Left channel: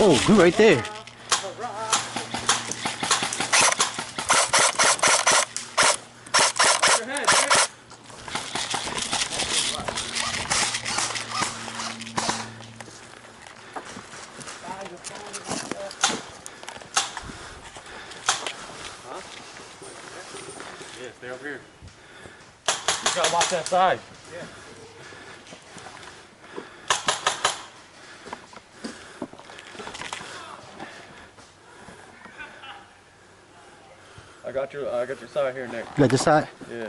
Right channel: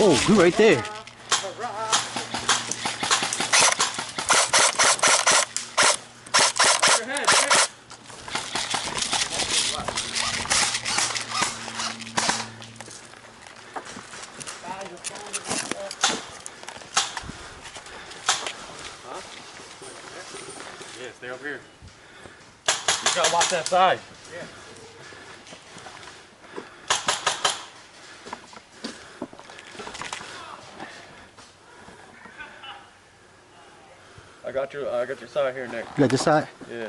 Oh, good right there. Yeah, stay over here. You gotta watch that side. Yeah. I got your side here, Nick. You got this side? Yeah.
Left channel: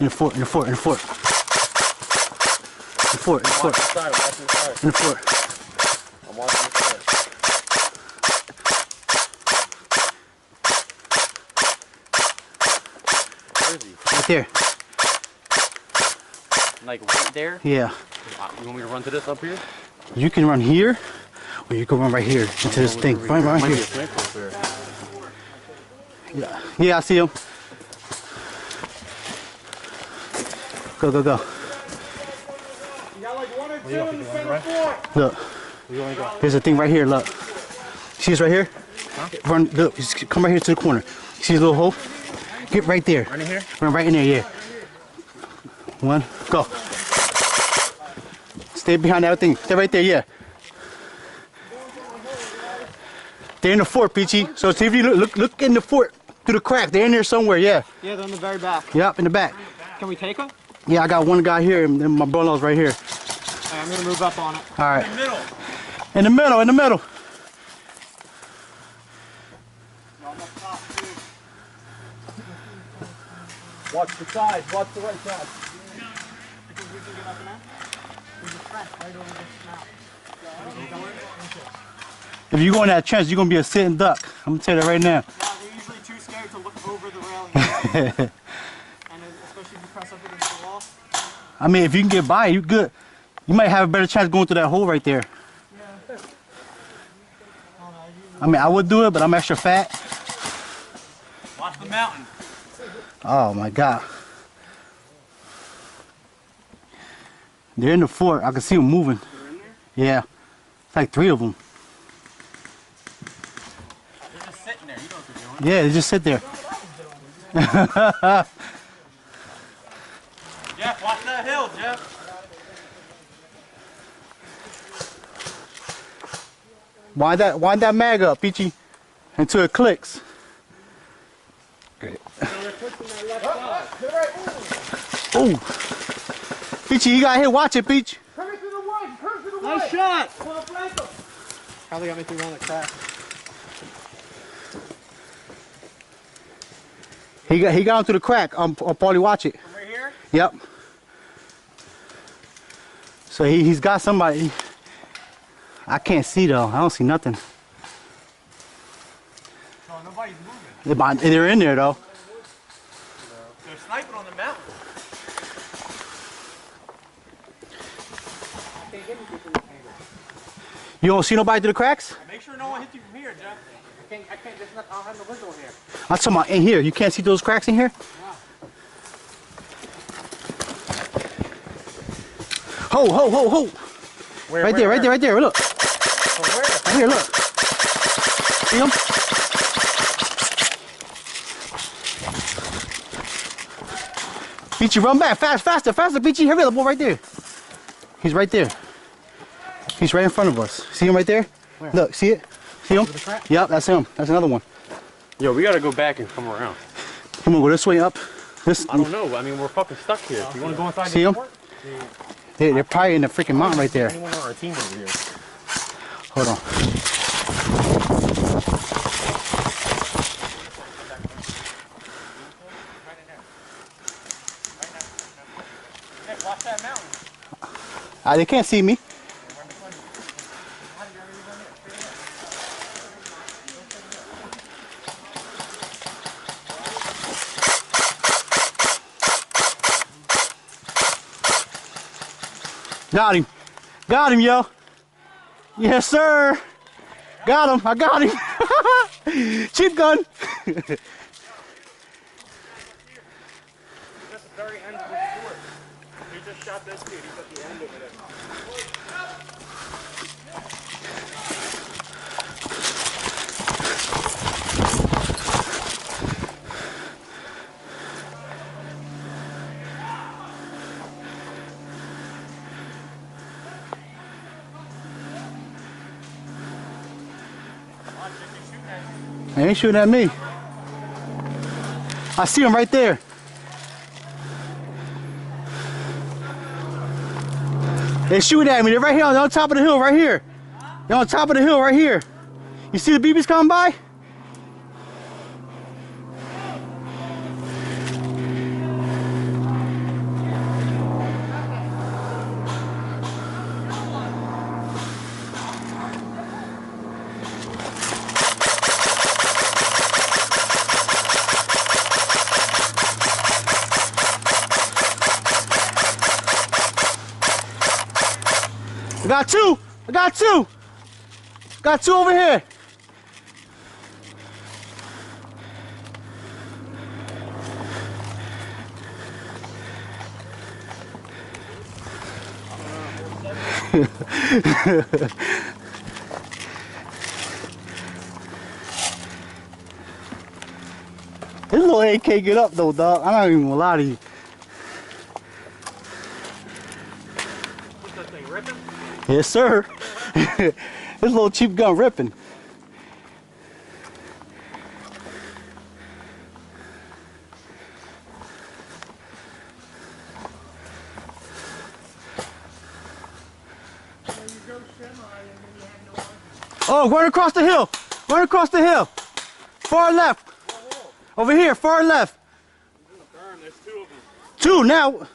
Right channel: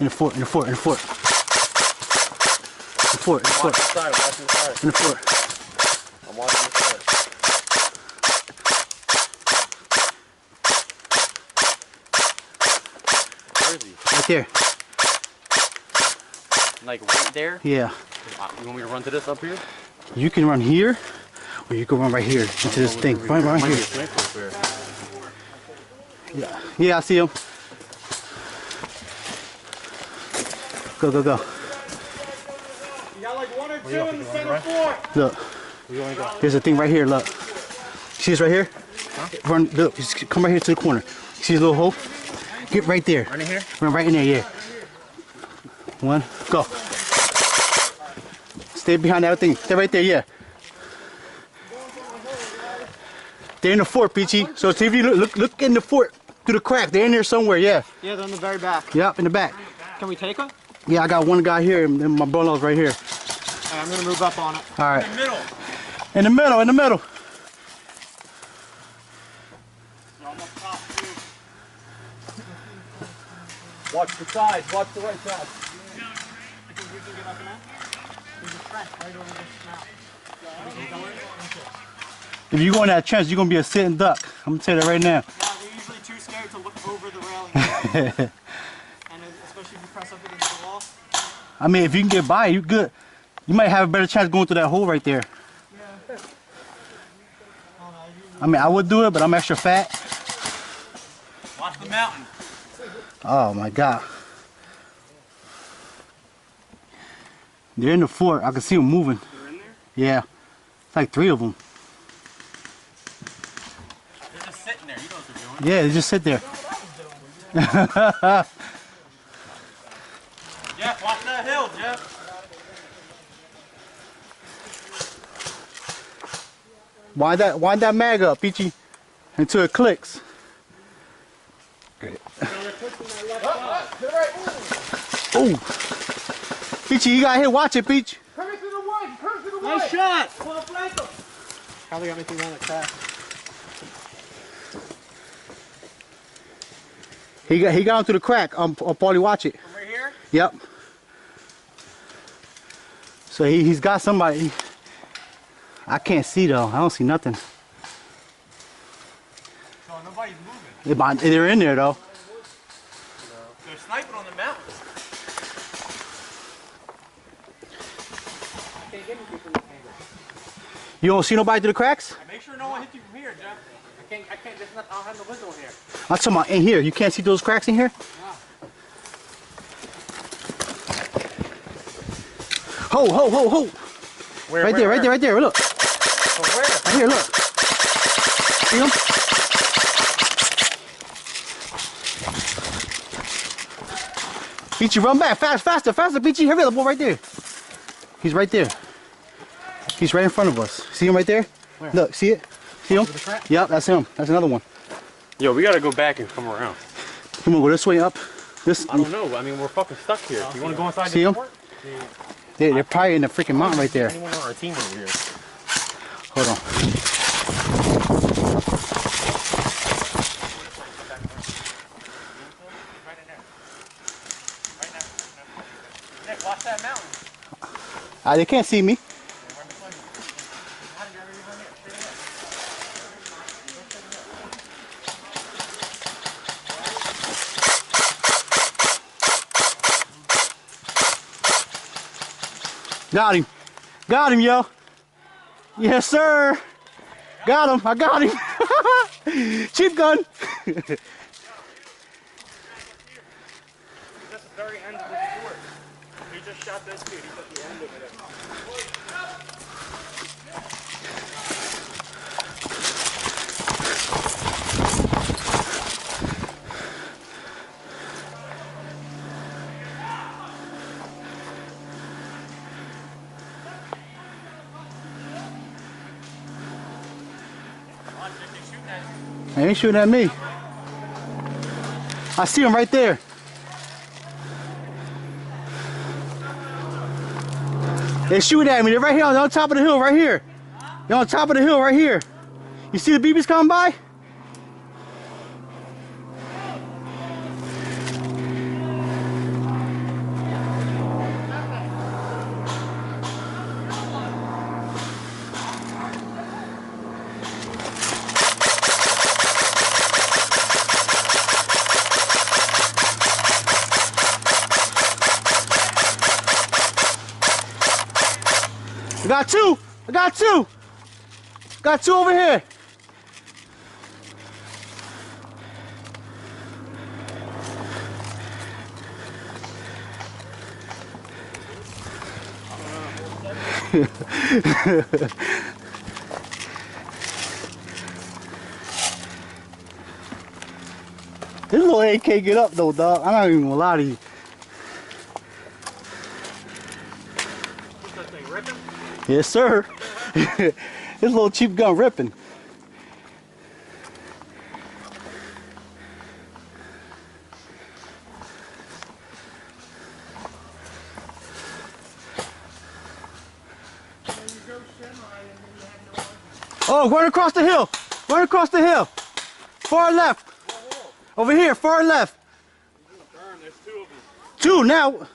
In the fort, in the fort, in the fort. In the fort, in the fort. Watch the side, watch the side. In the fort. I'm watching the side. Where is he? Right there. Like right there? Yeah. You want me to run to this up here? You can run here, or you can run right here into this thing. Run right here. Yeah, yeah, I see him. Go, go, go. You got like one or two in the center fort. Look, there's a thing right here. Look, see this right here? Huh? Run. Look, just come right here to the corner. See this little hole? Get right there. Run in here? Run right in there. Yeah. One, go. Stay behind that thing. Stay right there. Yeah. They're in the fort, Peachy. So see if you look in the fort through the crack. They're in there somewhere. Yeah. Yeah, they're in the very back. Yep, in the back. Can we take them? Yeah, I got one guy here, and then my brother-in-law's right here. Right, I'm gonna move up on it. All right. In the middle. In the middle. In the middle. Watch the sides, watch the right side. If you go in that trench, you're gonna be a sitting duck. I'm gonna tell you that right now. Yeah, they're usually too scared to look over the railing. And especially if you press up against the wall. I mean, if you can get by, you good. You might have a better chance going through that hole right there. Yeah. I mean, I would do it, but I'm extra fat. Watch the mountain. Oh my God. They're in the fort. I can see them moving. They're in there? Yeah. It's like 3 of them. They're just sitting there. You know what they're doing. Yeah, they just sit there. Jeff, watch that hill, Jeff. Wind that mag up, Peachy, until it clicks. Great. Oh, Peachy, you got here. Watch it, Peach. Turn it to the right. Turn it to the right. Nice shot. Well, flank him. Probably got me through one that cracked. He got onto the crack. Paulie, watch it. From right here? Yep. So he's got somebody. I can't see though. I don't see nothing. So nobody's moving. They're in there though. They're sniping on the mountain. I can't get anything from this angle. You don't see nobody through the cracks? Make sure no one hits you from here, Jeff. I can't, there's not, I don't have no window in here. I'm talking about in here. You can't see those cracks in here? Ho, ho, ho, ho. Where, right there, right there, right there. Look. Where? Right here, look. See him? Peachy, run back. Faster, Peachy. Hurry up, boy, right there. He's right there. He's right in front of us. See him right there? Where? Look, see it? See him? Yep, that's him. That's another one. Yo, we gotta go back and come around. Come on, go this way up. This. I don't know. I mean, we're fucking stuck here. You wanna go inside See the him? fort? They're probably in the freaking mountain right there. Anyone on our team over here? Hold on. Watch that mountain. They can't see me. Got him. Got him, yo. Yes, sir. Got him. I got him. Cheap gun. That's the very end of the fort. He just shot this dude. He's at the end of it. They ain't shooting at me. I see him right there. They're shooting at me. They're right here on top of the hill, right here. They're on top of the hill, right here. You see the BBs coming by? I got two. I got two. Got two over here. This little AK get up though, dog. I'm not even gonna lie to you. What's that thing, ripping? Yes, sir. This little cheap gun ripping. Oh, run across the hill. Run across the hill. Far left. Over here, far left. Darn, there's two of them. Two now.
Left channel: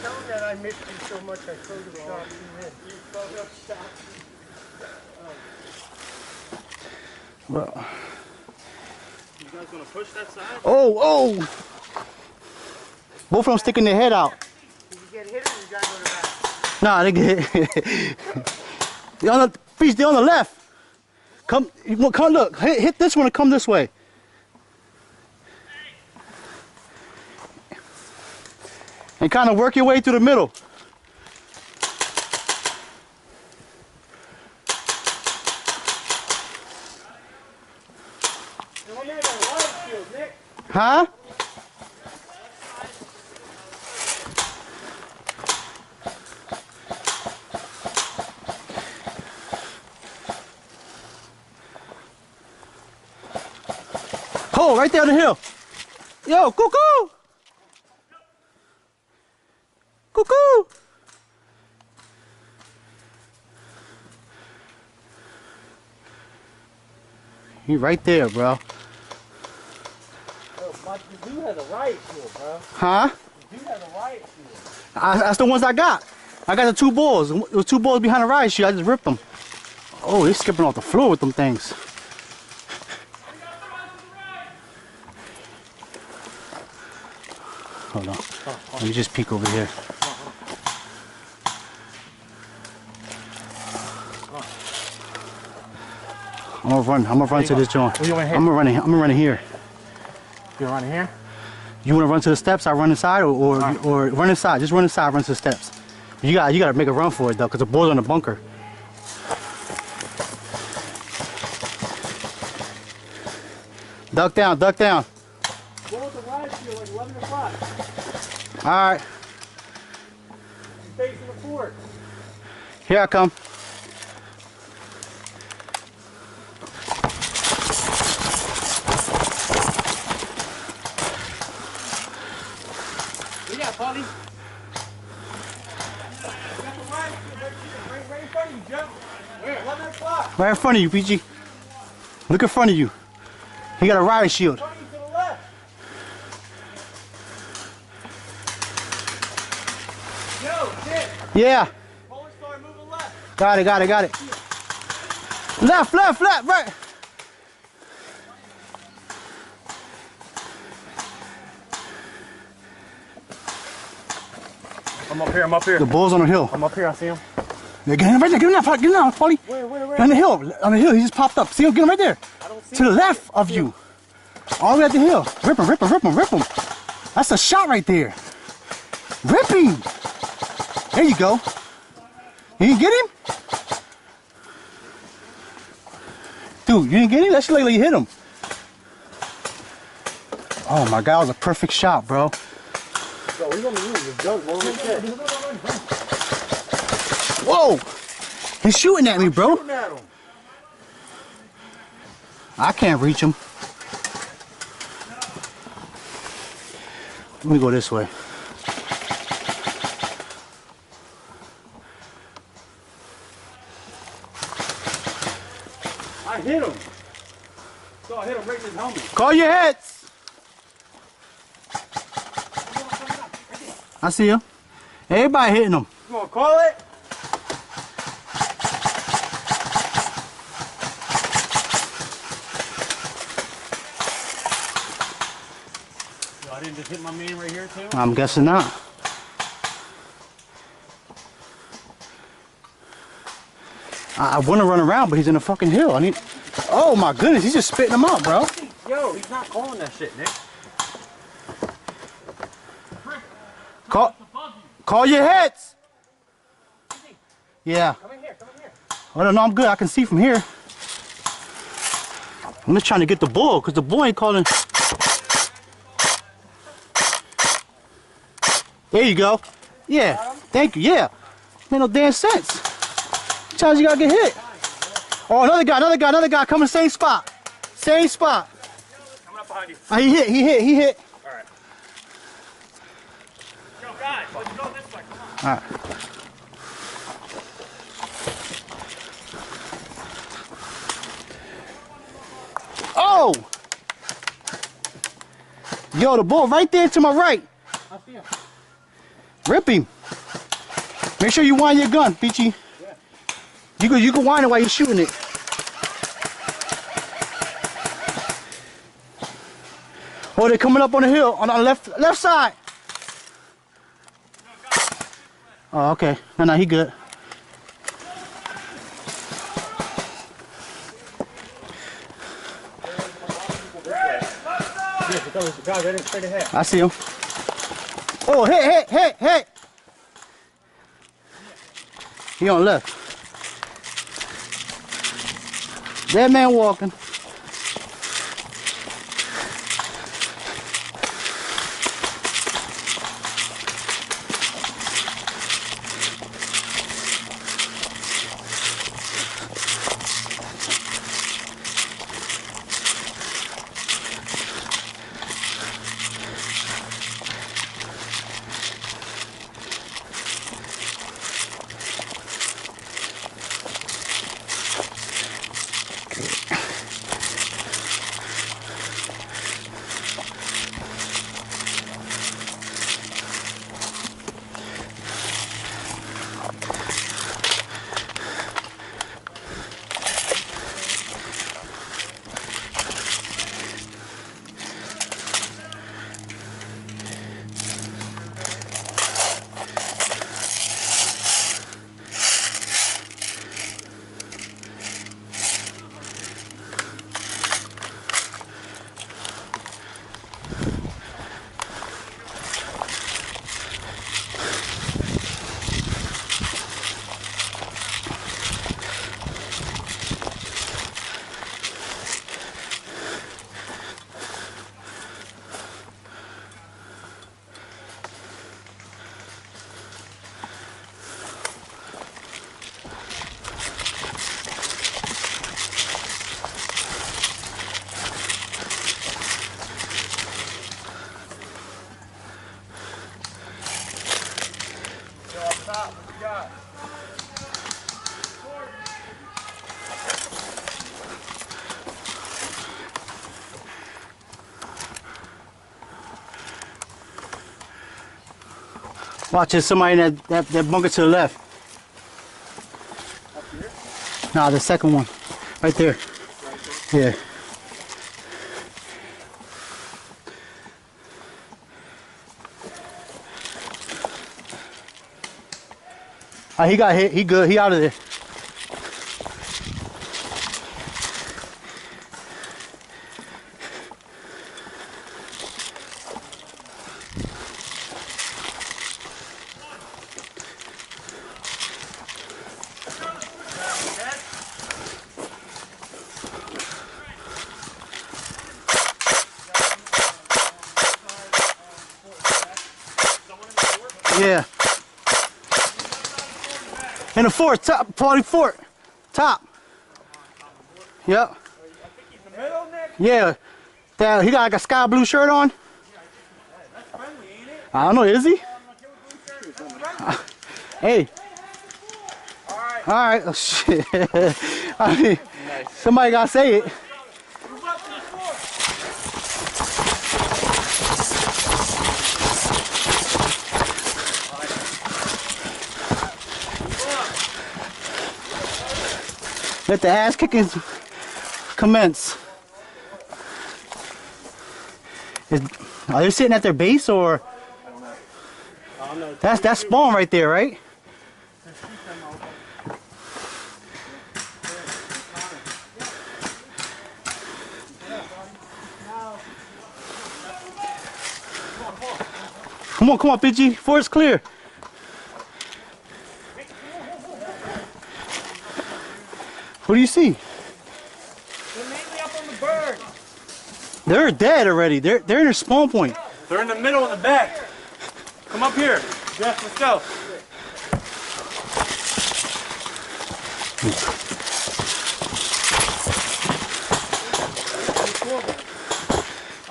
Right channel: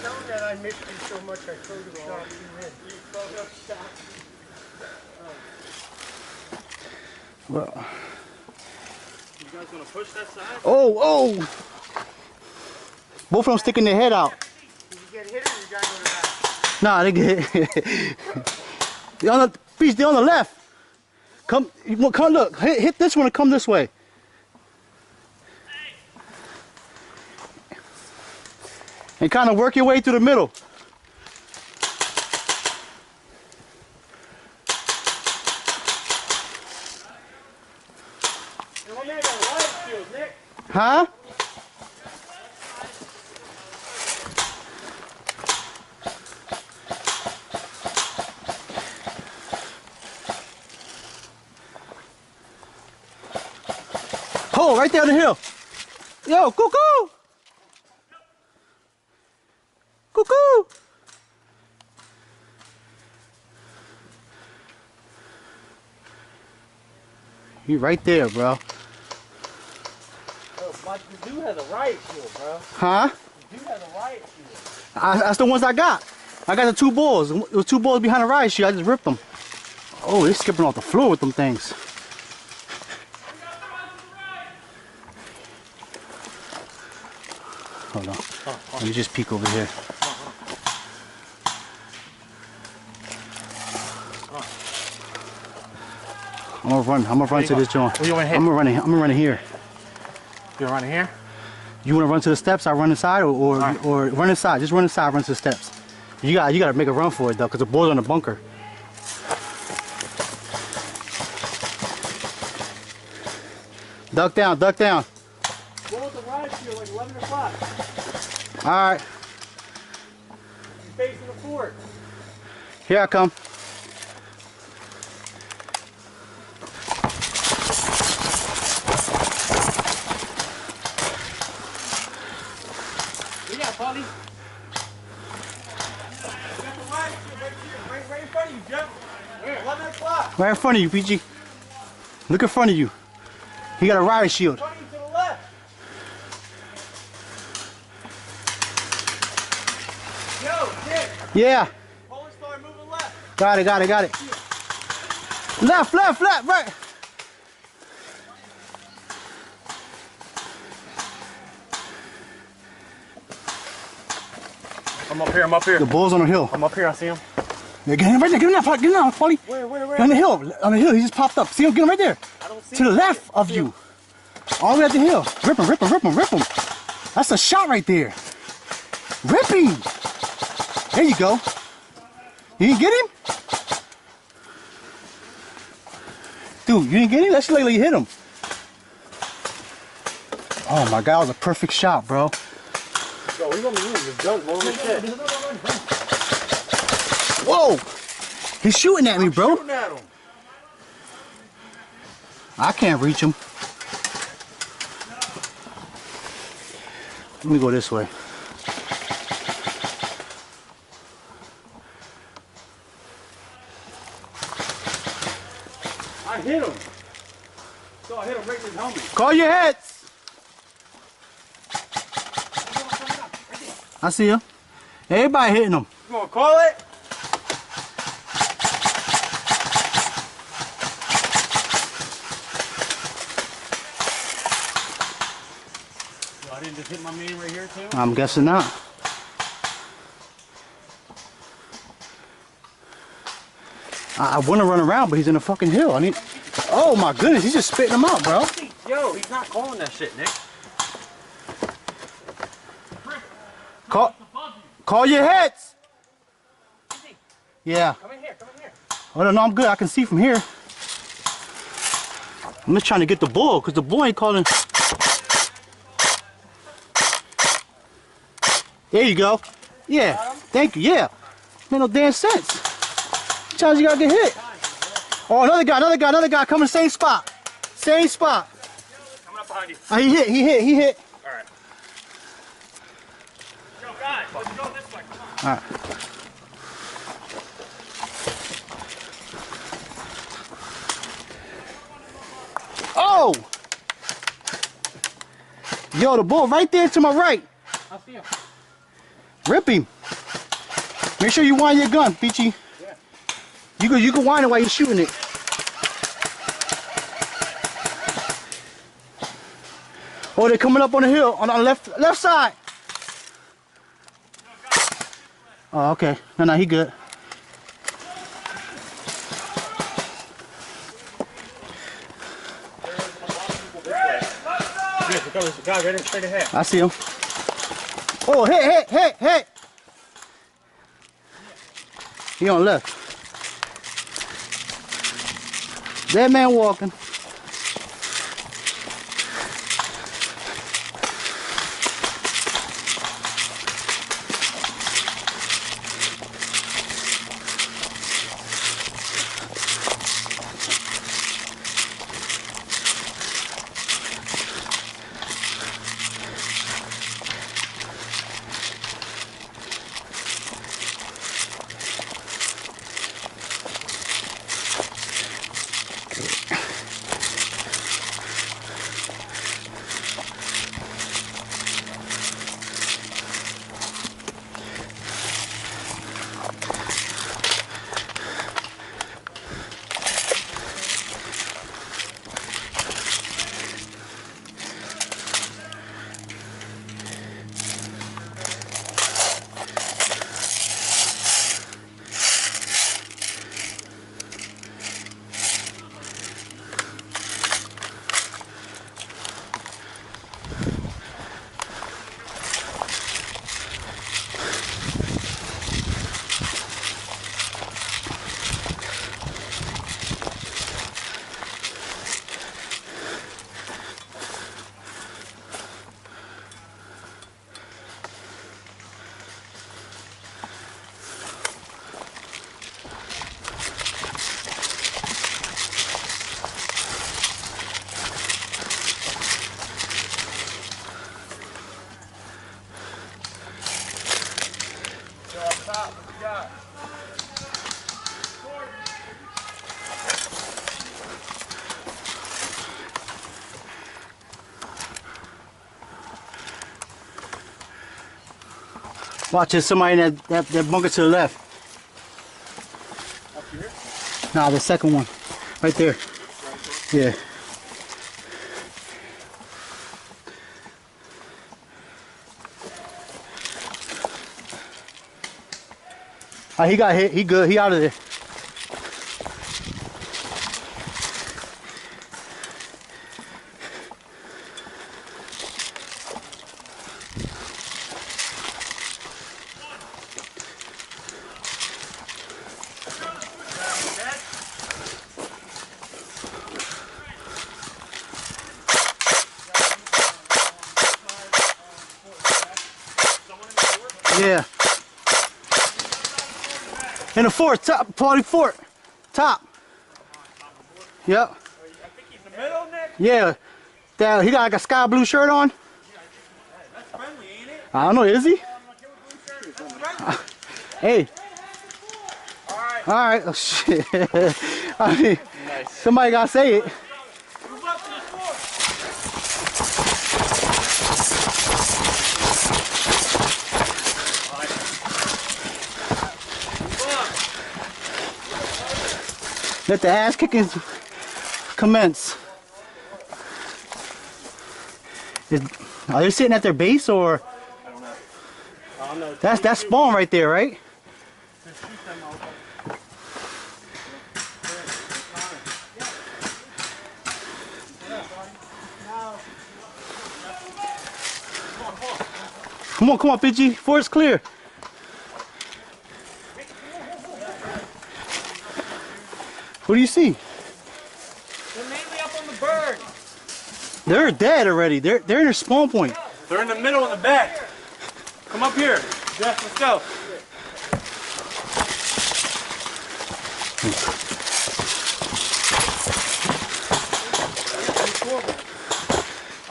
Tell him that I missed you so much I photoshopped you in. You photoshopped. Well. You guys gonna push that side? Oh. Both of them sticking their head out. Did you get hit or you gotta go to the back? Nah, they get hit. They're on the beach, they're on the left. Come look, hit this one and come this way. And kind of work your way through the middle. Huh? Oh, right there on the hill. Yo, cuckoo! Cuckoo! You right there, bro. Oh, the dude has a riot shield, bro. Huh? The dude has a riot shield. That's the ones I got. I got the two balls. There was two balls behind the riot shield. I just ripped them. Oh, they're skipping off the floor with them things. Hold on. Let me just peek over here. I'm gonna run to this joint. Where you wanna hit? I'm gonna run it here. You running here? You wanna run to the steps? I run inside, or run inside. Just run inside. Run to the steps. You gotta make a run for it though, cause the ball's on the bunker. Duck down, duck down. Go with the riot shield like 11 o'clock. All right, You're facing the fort. here I come. Yeah, buddy. You got the riot shield right in front of you, Joe. Where? 11 o'clock. Right in front of you, PG. Look in front of you. He got a riot shield. To the left. Yo, Dick. Yeah. Polar Star moving left. Got it. Left, right. I'm up here. The bull's on the hill. I'm up here, I see him. Yeah, get him right there. Get him now, Paulie. Where? On the hill. He just popped up. See him? Get him right there. I don't see To the him. left of you. All the way at the hill. Rip him. That's a shot right there. Rip him. There you go. You didn't get him? Dude, you didn't get him? That shit like you hit him. Oh my God, that was a perfect shot, bro. Bro, he's on the move. His gun's low as shit. Whoa! He's shooting at me, bro. Shooting at him. I can't reach him. Let me go this way. I hit him. So I hit him right in his helmet. Call your heads. I see him. Everybody hitting him. You gonna call it? So I didn't just hit my man right here too? I'm guessing not. I want to run around, but he's in a fucking hill. I need. Oh my goodness, he's just spitting them out, bro. Yo, he's not calling that shit, Nick. Call your heads. Yeah. Come in here, come in here. Oh no, I'm good. I can see from here. I'm just trying to get the bull, because the bull ain't calling. There you go. Yeah. Thank you. Yeah. Made no damn sense. Sometimes you gotta get hit. Oh, another guy coming same spot. Same spot. Coming up behind you. Oh, he hit. Alright. Yo, guys, let's go this way. Come on. Alright. Oh! Yo, the bull right there to my right. I'll see him. Rip him. Make sure you wind your gun, Peachy. Yeah. You can wind it while you're shooting it. Oh, they're coming up on the hill on the left side. Oh, okay. No, he good. Yes, because the guy right straight ahead. I see him. Oh, hit. He on left. That man walking. Watch, there's somebody in that bunker to the left. Up here? Nah, the second one. Right there. Yeah. He got hit. He good. He out of there. Yeah. In the fort, top, party fort. Top. Yep. I think he's in the middle, Nick. Yeah. That, he got like a sky blue shirt on. That's friendly, ain't it? I don't know, is he? Hey. Alright. Alright. Oh, shit. I mean, somebody gotta say it. Move up to the floor. Let the ass kicking commence. Are they sitting at their base or? I don't know. That's spawn right there, right? Come on, PG. Fort's clear. What do you see? They're mainly up on the bird. They're dead already. They're in their spawn point. They're in the middle in the back. Come up here. Jeff, let's go.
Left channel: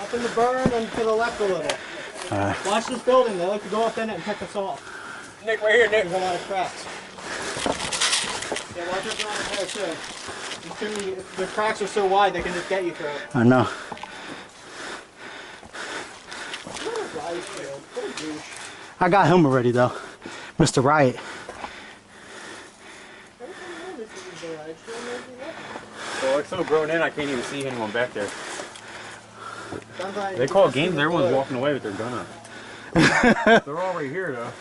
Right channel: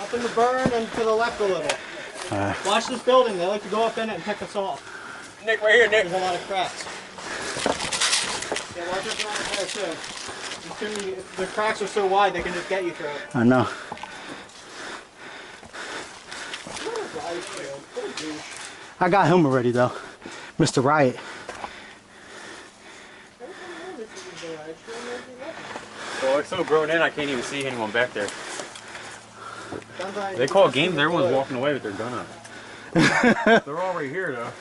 Up in the burn and to the left a little. Watch this building. They like to go up in it and pick us off. Nick, right here, Nick. There's a lot of cracks. Yeah, watch us around there too. The cracks are so wide they can just get you through it. I know. I got him already though, Mr. Riot. Well, it's so grown in, I can't even see anyone back there. They call games, everyone's walking away with their gun up. They're all right here, though.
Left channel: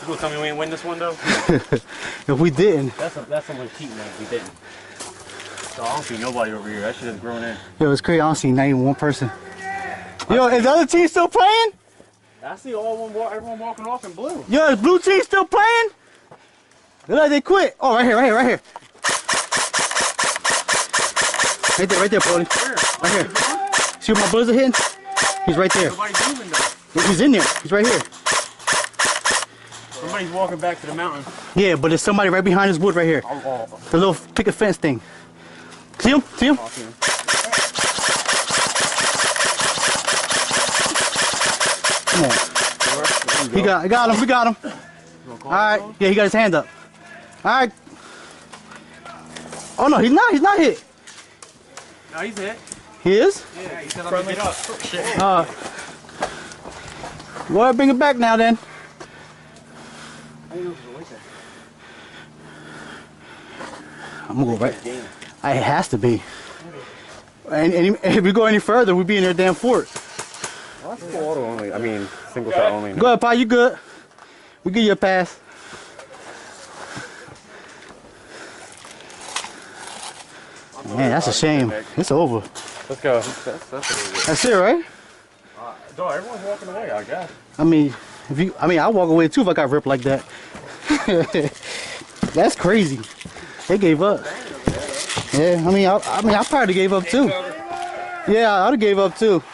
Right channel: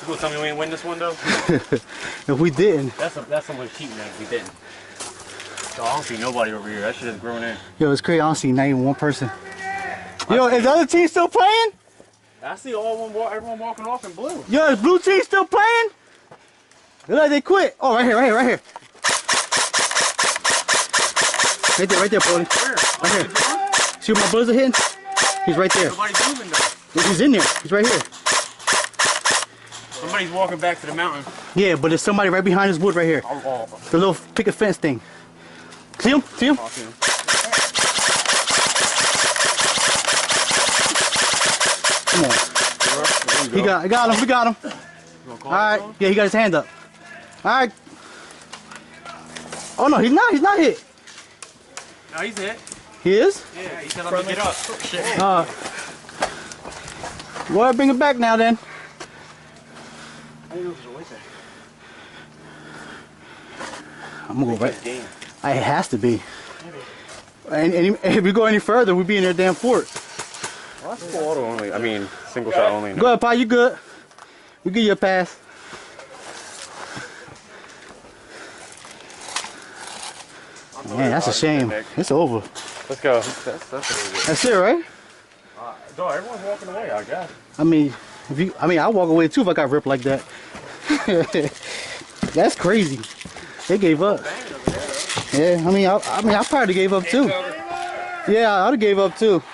You gonna tell me we ain't win this one, though? If we didn't. That's someone's cheating, man. We didn't. So I don't see nobody over here. That shit is grown in. Yo, it's crazy. I don't see not even one person. Yo, is the other team still playing? I see everyone walking off in blue. Yo, is blue team still playing? Look like they quit. Oh, right here. Right there, Paulie. Right here. See where my bullets are hitting? He's right there. Nobody's moving, though. He's in there. He's right here. Somebody's walking back to the mountain. Yeah, but there's somebody right behind this wood right here. The little picket fence thing. See him? See him? I see him. Come on. We got him. All right. Yeah, he got his hand up. All right. Oh no, he's not hit. No, he's hit. He is? Yeah, he said let me get up. Shit. Go ahead, bring it back now then. I'm gonna go right. It has to be. And if we go any further, we'll be in their damn fort. Well, that's full auto only. I mean, single shot only. Go ahead, Pa, you good. We give you a pass. Man, that's a shame. It's over. Let's go. That's it, right? Dog, everyone's walking away, I guess. I mean, I'll walk away too if I got ripped like that. That's crazy. They gave up. Yeah, I mean, I probably gave up too. Yeah, I'd have gave up too.